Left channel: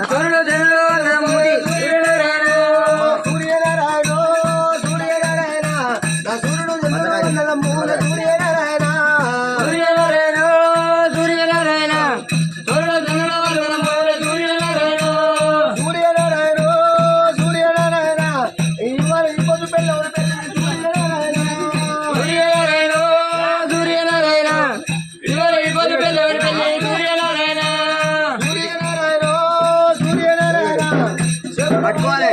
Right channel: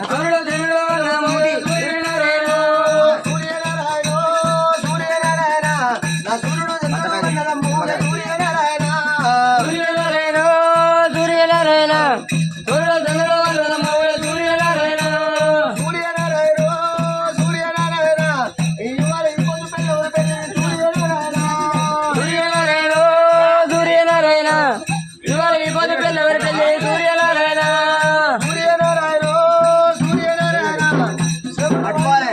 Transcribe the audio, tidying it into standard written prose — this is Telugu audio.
సూర్యుడు చంద్రుడు వల్ల మూడి సూర్యనారాయణ సూర్యనారాయణ సూర్యనారాయణ నా సూర్యుడు చంద్రుడు వల్ల మూడు సూర్యనారాయణ సూర్యనారాయణ సూర్యనారాయణ సూర్యుడు చంద్రుడు వల్ల మూడు సూర్యనారాయణ సూర్యనారాయణ సూర్యనారాయణ ఇవాళ ఇంకొక పిల్లలు సూర్యనారాయణ సూర్యనారాయణ సూర్యనారాయణ ఇవాళ ఇబ్బంది పెళ్ళి పెళ్ళి సూర్యనారాయణ సూర్యనారాయణ సూర్యనారాయణ పట్టుకోవాలి.